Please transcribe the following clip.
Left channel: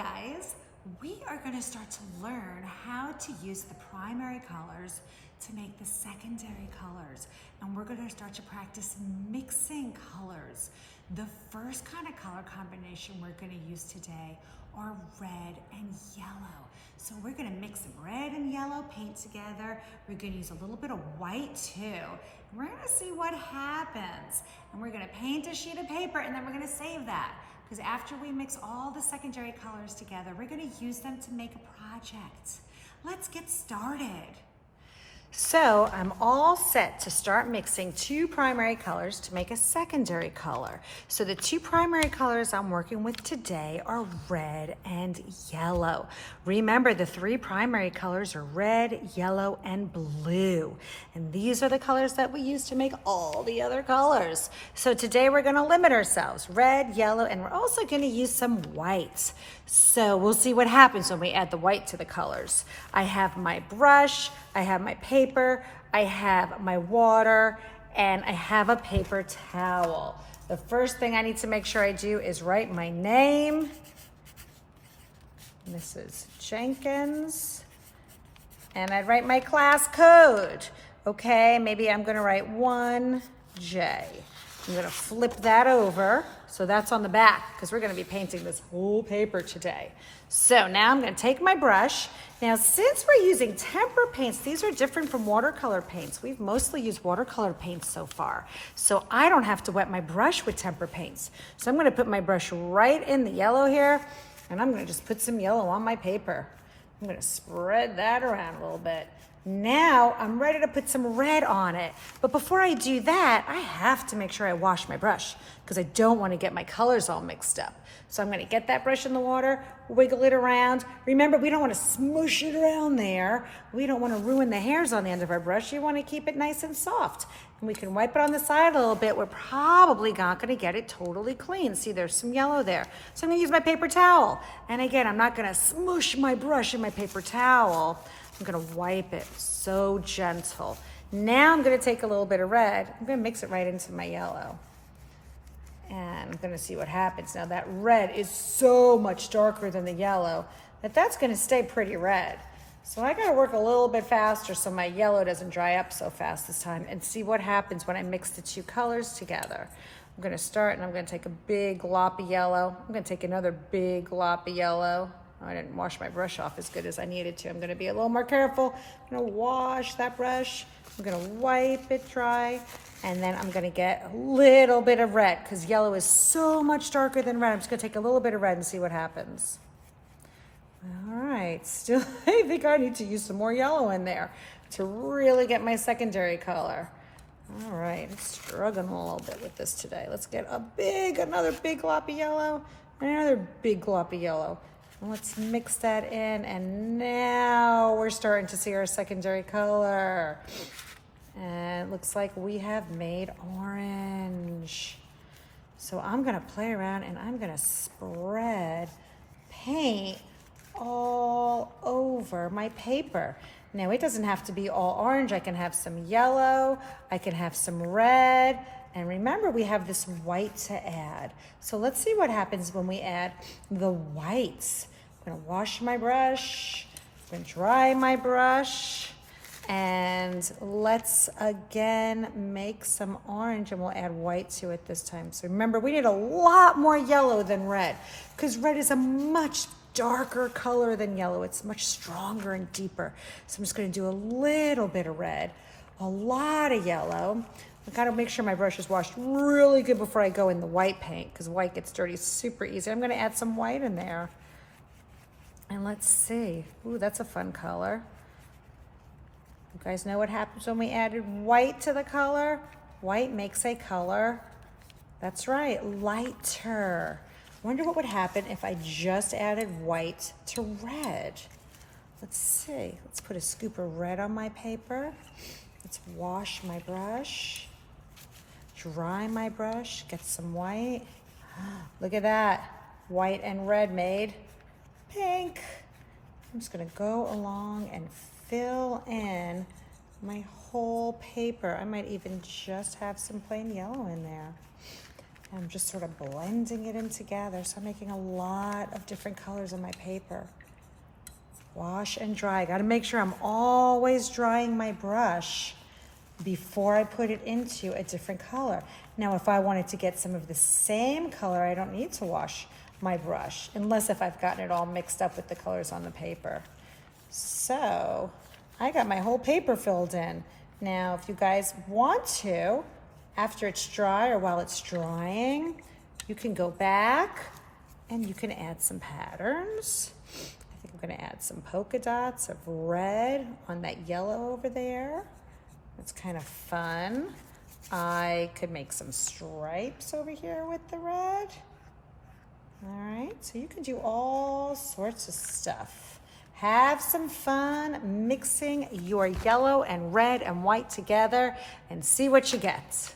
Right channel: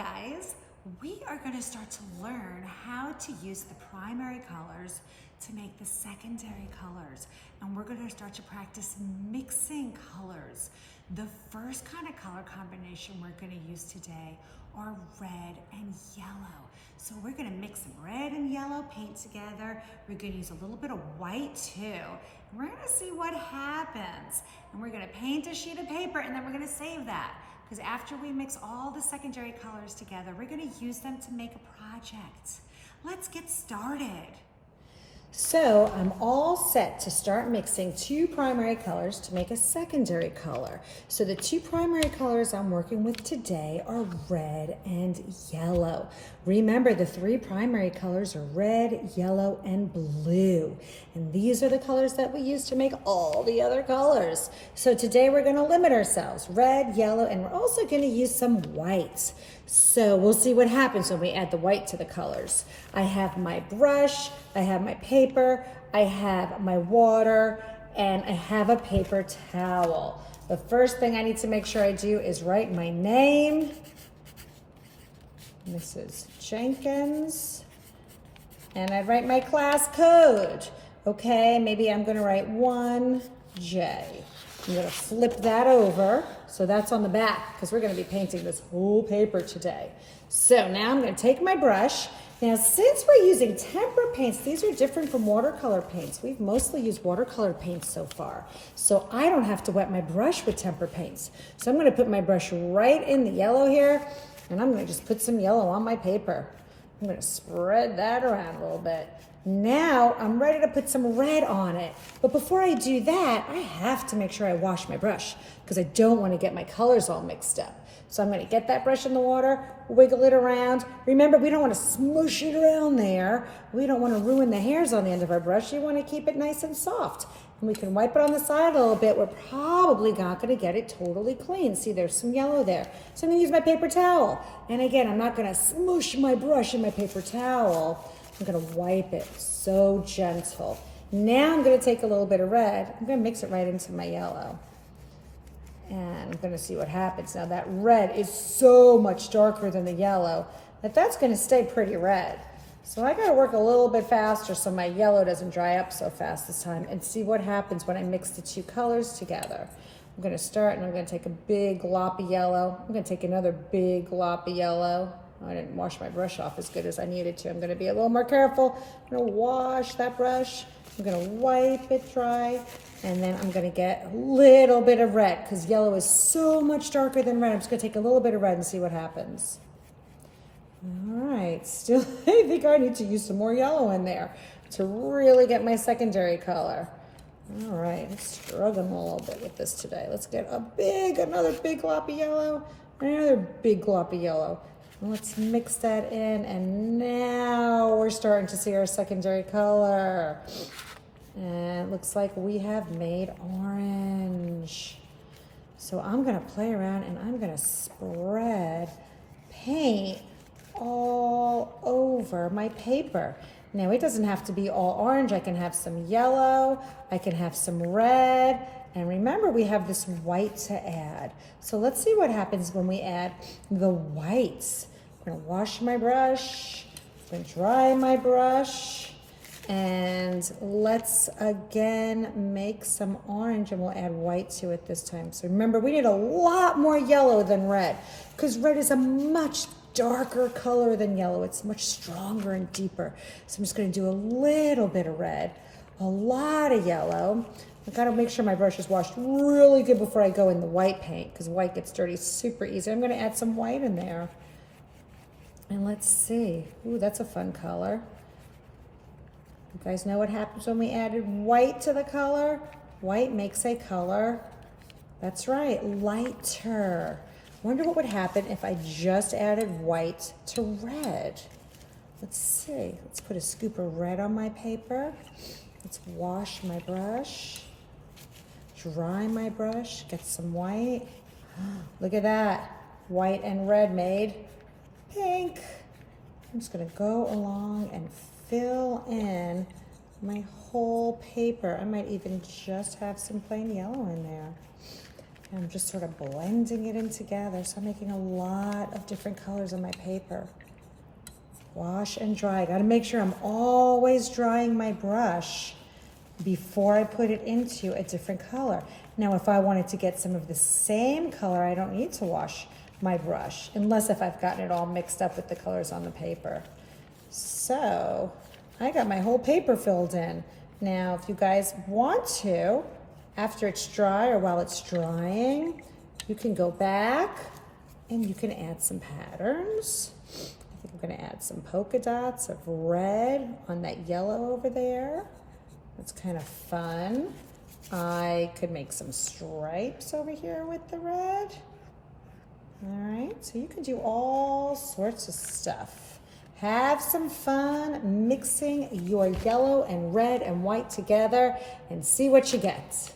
guys, we are going to start to learn how to use the primary colors to make the secondary colors. And we're going to start to practice mixing colors. The first kind of color combination we're going to use today are red and yellow. So we're going to mix some red and yellow paint together. We're going to use a little bit of white too. And we're going to see what happens. And we're going to paint a sheet of paper and then we're going to save that. Because after we mix all the secondary colors together, we're going to use them to make a project. Let's get started. So I'm all set to start mixing two primary colors to make a secondary color. So the two primary colors I'm working with today are red and yellow. Remember, the three primary colors are red, yellow, and blue. And these are the colors that we use to make all the other colors. So today we're going to limit ourselves, red, yellow, and we're also going to use some white. So we'll see what happens when we add the white to the colors. I have my brush, I have my paper, I have my water, and I have a paper towel. The first thing I need to make sure I do is write my name, Mrs. Jenkins, and I'd write my class code. Okay, maybe I'm gonna write 1J. I'm gonna flip that over. So that's on the back because we're gonna be painting this whole paper today. So now I'm gonna take my brush. Now, since we're using tempera paints, these are different from watercolor paints. We've mostly used watercolor paints so far. So I don't have to wet my brush with tempera paints. So I'm gonna put my brush right in the yellow here, and I'm gonna just put some yellow on my paper. I'm gonna spread that around a little bit. Now I'm ready to put some red on it. But before I do that, I have to make sure I wash my brush because I don't want to get my colors all mixed up. So I'm going to get that brush in the water, wiggle it around. Remember, we don't want to smush it around there. We don't want to ruin the hairs on the end of our brush. You want to keep it nice and soft. And we can wipe it on the side a little bit. We're probably not going to get it totally clean. See, there's some yellow there. So I'm going to use my paper towel. And again, I'm not going to smush my brush in my paper towel. I'm gonna wipe it so gentle. Now I'm gonna take a little bit of red. I'm gonna mix it right into my yellow. And I'm gonna see what happens. Now that red is so much darker than the yellow that's gonna stay pretty red. So I gotta work a little bit faster so my yellow doesn't dry up so fast this time and see what happens when I mix the two colors together. I'm gonna start and I'm gonna take a big glop of yellow. I'm gonna take another big glop of yellow. I didn't wash my brush off as good as I needed to. I'm gonna be a little more careful. I'm gonna wash that brush. I'm gonna wipe it dry. And then I'm gonna get a little bit of red because yellow is so much darker than red. I'm just gonna take a little bit of red and see what happens. All right, still, I think I need to use some more yellow in there to really get my secondary color. All right, I'm struggling a little bit with this today. Let's get another big glop of yellow, and another big glop of yellow. Let's mix that in, and now we're starting to see our secondary color. And it looks like we have made orange. So I'm gonna play around and I'm gonna spread paint all over my paper. Now it doesn't have to be all orange. I can have some yellow, I can have some red, and remember we have this white to add. So let's see what happens when we add the whites. I'm gonna wash my brush, I'm gonna dry my brush, and let's again make some orange and we'll add white to it this time. So remember, we need a lot more yellow than red because red is a much darker color than yellow. It's much stronger and deeper. So I'm just gonna do a little bit of red, a lot of yellow. I gotta make sure my brush is washed really good before I go in the white paint because white gets dirty super easy. I'm gonna add some white in there. And let's see. Ooh, that's a fun color. You guys know what happens when we added white to the color? White makes a color, that's right, lighter. Wonder what would happen if I just added white to red. Let's see. Let's put a scoop of red on my paper. Let's wash my brush, dry my brush, get some white. Look at that. White and red made pink. I'm just gonna go along and fill in my whole paper. I might even just have some plain yellow in there. I'm just sort of blending it in together. So I'm making a lot of different colors on my paper. Wash and dry. Got to make sure I'm always drying my brush before I put it into a different color. Now, if I wanted to get some of the same color, I don't need to wash my brush, unless if I've gotten it all mixed up with the colors on the paper. So I got my whole paper filled in. Now, if you guys want to, after it's dry or while it's drying, you can go back and you can add some patterns. I think I'm gonna add some polka dots of red on that yellow over there. That's kind of fun. I could make some stripes over here with the red. All right, so you can do all sorts of stuff. Have some fun mixing your yellow and red and white together and see what you get.